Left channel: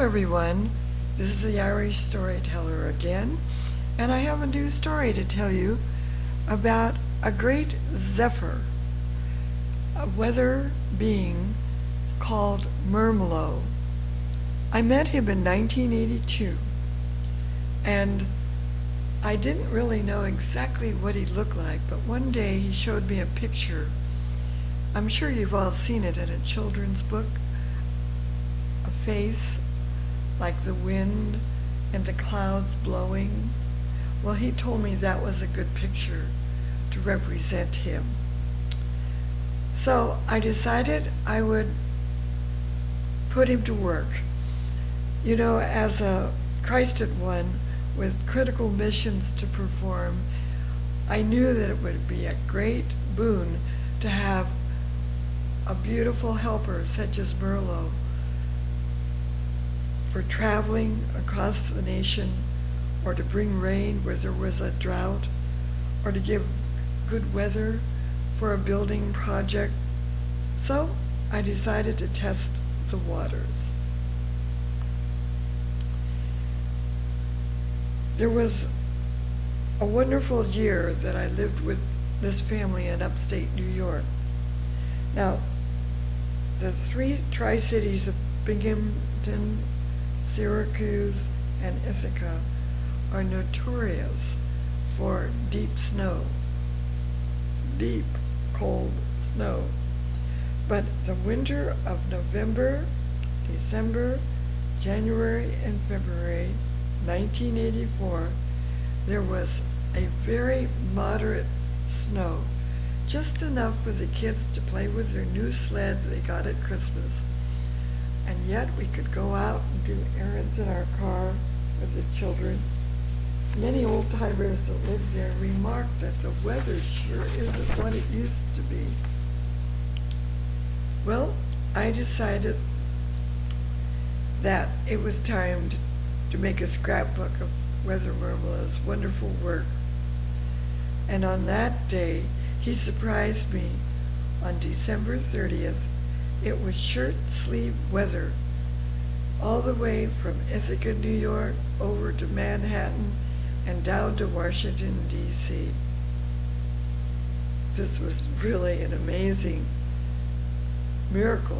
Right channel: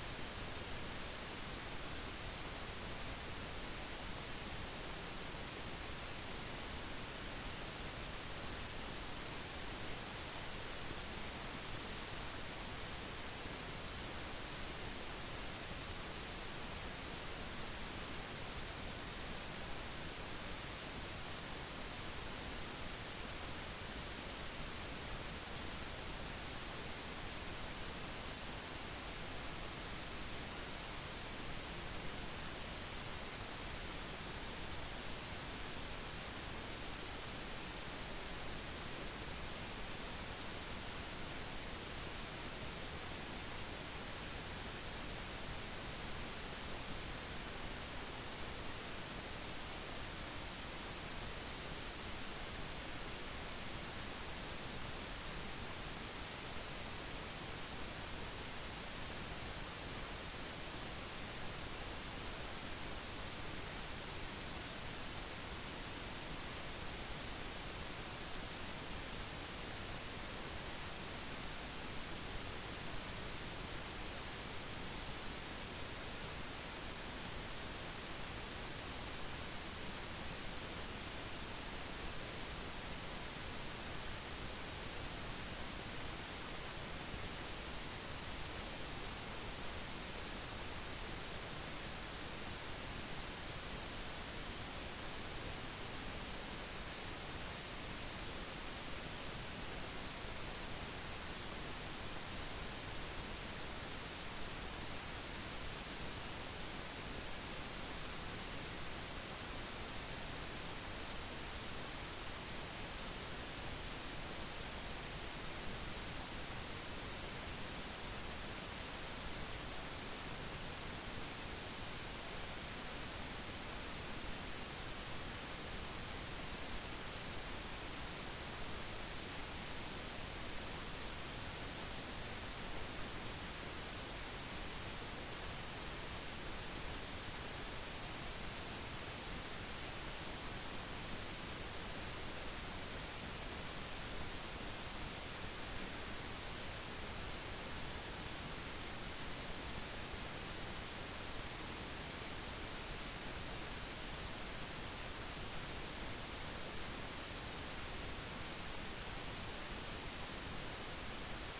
everyone. This is the Irish Storyteller again, and I have a new story to tell you about a great zephyr, a weather being called Murmlo. I met him in 1982, and I didn't really know exactly what he looked like, but one day he showed me a picture. I'm sure you've all seen it in a children's book, a face like the wind and the clouds blowing. Well, he told me that was a good picture to represent him. So I decided I would put him to work. You know, as a Christed one with critical missions to perform, I knew that it would be a great boon to have a beautiful helper such as Murmlo for traveling across the nation, or to bring rain where there was a drought, or to give good weather for a building project. So I decided to test the waters. There was a wonderful year that I lived with this family in upstate New York. Now, the three Tri-Cities of Binghamton, Syracuse, and Ithaca are notorious for deep snow, deep, cold snow. But the winter of November, December, January, and February 1984, there was a very moderate snow, just enough for the kids to play with their new sled they got at Christmas. And yet we could go out and do errands in our car with the children. Many old-timers that lived there remarked that the weather sure isn't what it used to be. Well, I decided that it was time to make a scrapbook of Weather Murmlo's wonderful work. And on that day, he surprised me on December 30th. It was shirt-sleeve weather all the way from Ithaca, New York, over to Manhattan, and down to Washington, D.C. This was really an amazing miracle.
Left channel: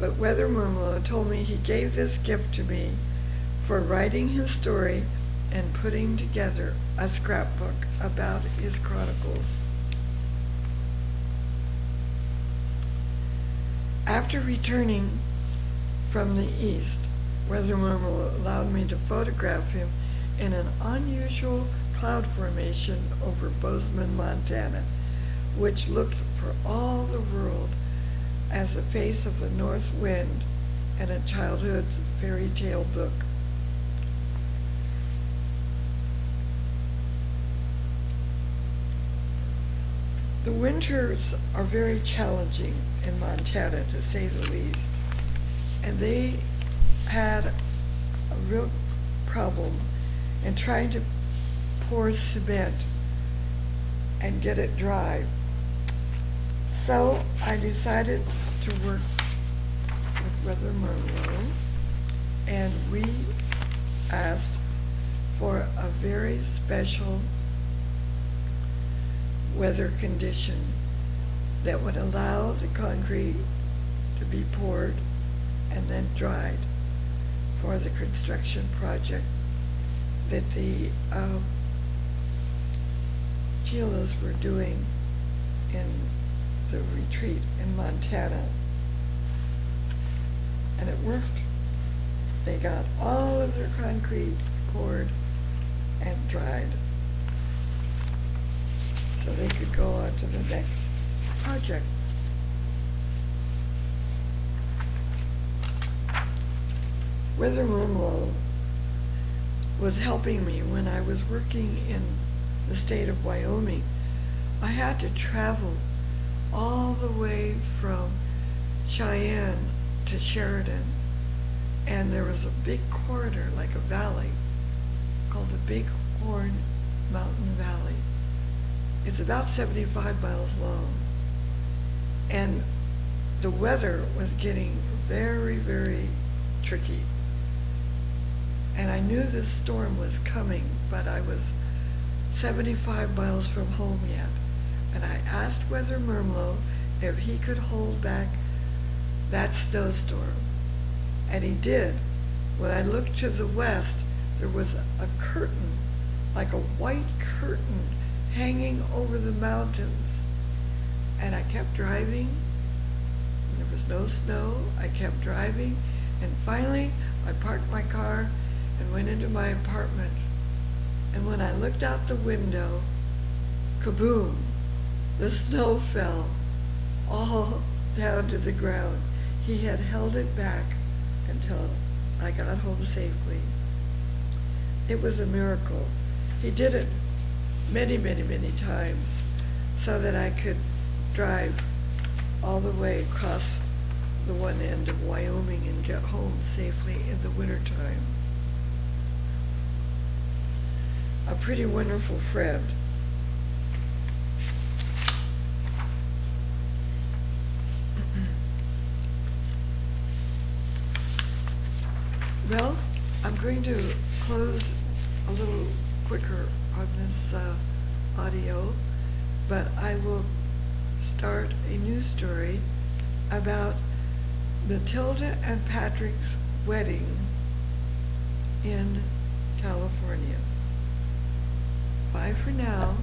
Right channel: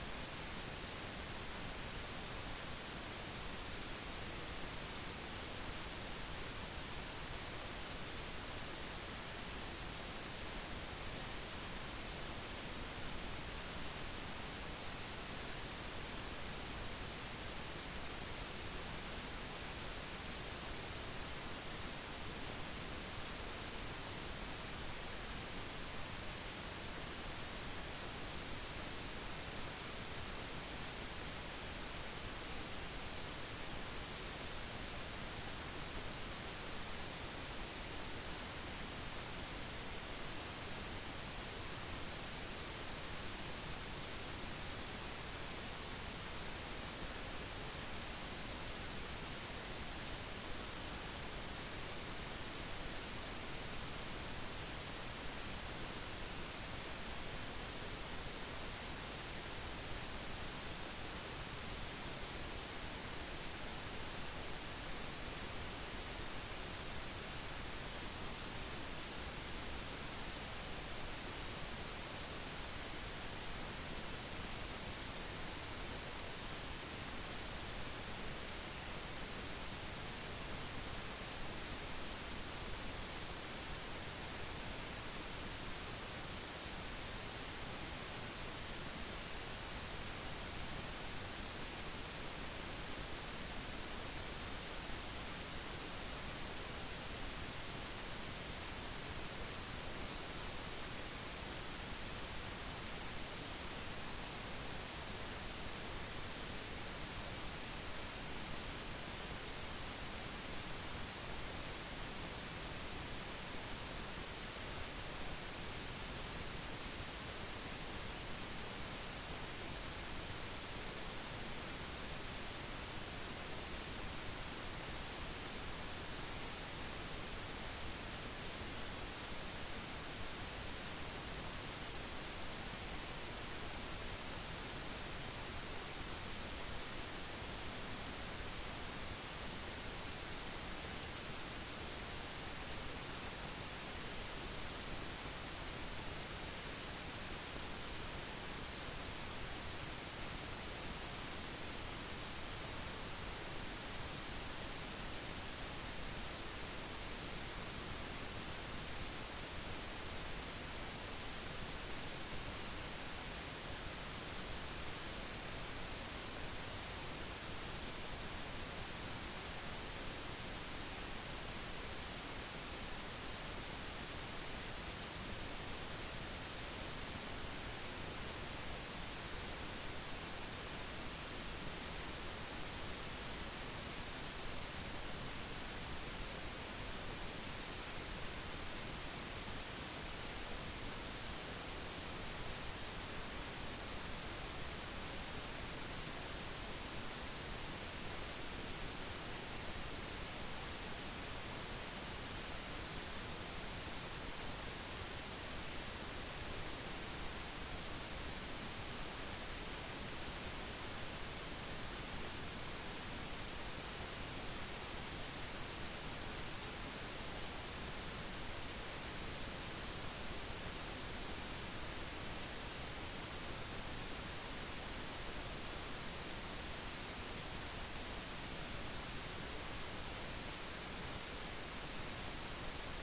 But Weather Murmlo told me he gave this gift to me for writing his story and putting together a scrapbook about his chronicles. After returning from the east, Weather Murmlo allowed me to photograph him in an unusual cloud formation over Bozeman, Montana, which looked for all the world as the face of the north wind in a childhood's fairy tale book. The winters are very challenging in Montana, to say the least, and they had a real problem in trying to pour cement and get it dry. So I decided to work with Weather Murmlo, and we asked for a very special weather condition that would allow the concrete to be poured and then dried for the construction project that the Chilos were doing in the retreat in Montana. And it worked. They got all of their concrete poured and dried, so they could go on to the next project. Weather Murmlo was helping me when I was working in the state of Wyoming. I had to travel all the way from Cheyenne to Sheridan, and there was a big corridor, like a valley, called the Big Horn Mountain Valley. It's about 75 miles long, and the weather was getting very, very tricky. And I knew this storm was coming, but I was 75 miles from home yet. And I asked Weather Murmlo if he could hold back that snowstorm. And he did. When I looked to the west, there was a curtain, like a white curtain, hanging over the mountains. And I kept driving. There was no snow. I kept driving. And finally, I parked my car and went into my apartment. And when I looked out the window, kaboom, the snow fell all down to the ground. He had held it back until I got home safely. It was a miracle. He did it many, many, many times so that I could drive all the way across the one end of Wyoming and get home safely in the wintertime. A pretty wonderful friend. Well, I'm going to close a little quicker on this audio, but I will start a new story about Matilda and Patrick's wedding in California. Bye for now.